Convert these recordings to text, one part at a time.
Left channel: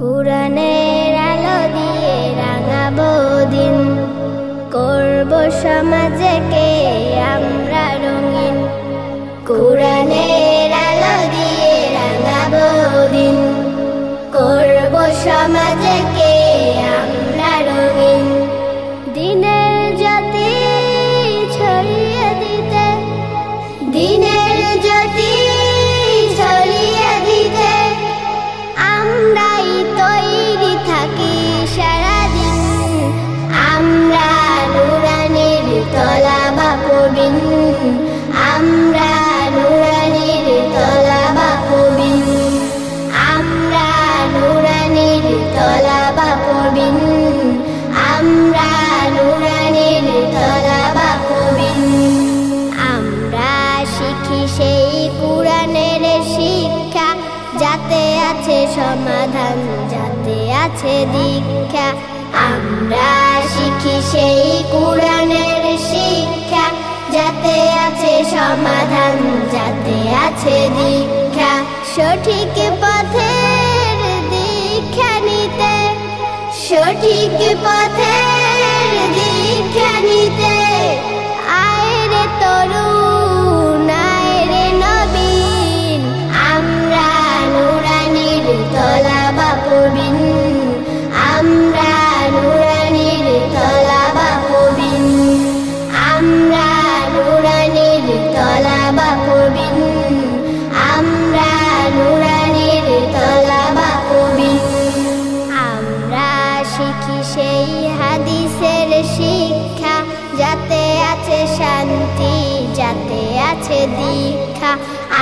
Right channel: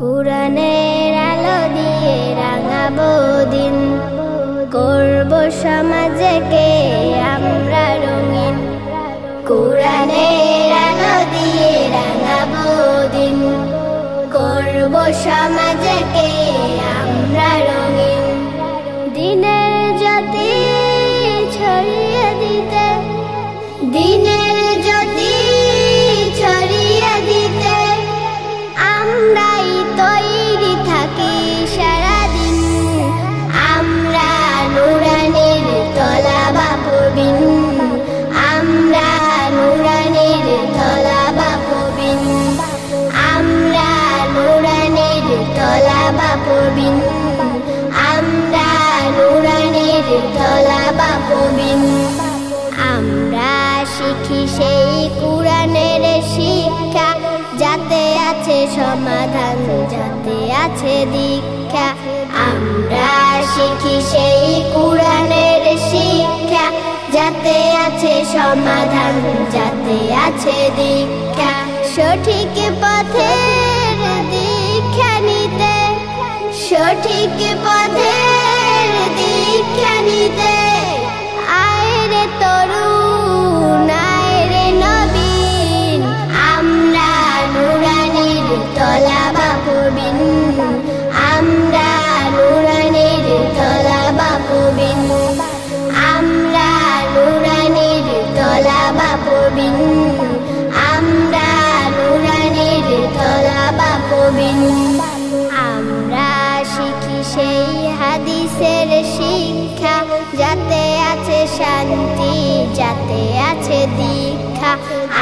কুরআনের আলো দিয়ে রাঙাবো দিন, করব সমাজকে আমরা রঙিন। কুরআনের আলো দিয়ে রাঙাবো দিন, করব সমাজকে আমরা রঙিন। দিনের জ্যোতি ছড়িয়ে দিতে, দিনের জ্যোতি ছড়িয়ে দিতে আমরাই তৈরি থাকি সারাদিন। আমরা নুরানির তলাবা পড়বিন, আমরা নুরানির তলাবা পড়বিন, আমরা নুরানির তলাবা পড়বিন, আমরা নুরানির তলাবা পড়বিন। আমরা শিখি সেই কুরআনের শিক্ষা, যাতে আছে সমাধান, যাতে আছে দীক্ষা। আমরা শিখি সেই কুরআনের শিক্ষা, যাতে আছে সমাধান, যাতে আছে দীক্ষা। সঠিক পথের দীক্ষা নিতে, সঠিক পথের দীক্ষা নিতে আয় রে তরুণ, আয় রে নবীন। আমরা নুরানির তলাবা পড়বিন, আমরা নুরানির তলাবা পড়বিন, আমরা নুরানির তলাবা পড়বিন, আমরা নুরানির তলাবা পড়বিন। আমরা শিখি সেই হাদিসের শিক্ষা, যাতে আছে শান্তি, যাতে আছে দীক্ষা।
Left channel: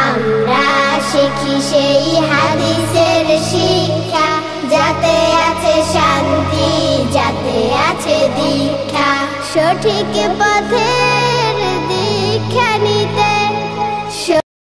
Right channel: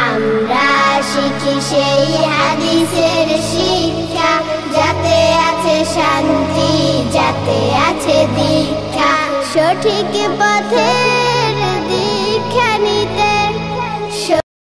আমরা শিখি সেই হাদিসের শিক্ষা, যাতে আছে শান্তি, যাতে আছে দীক্ষা। সঠিক পথে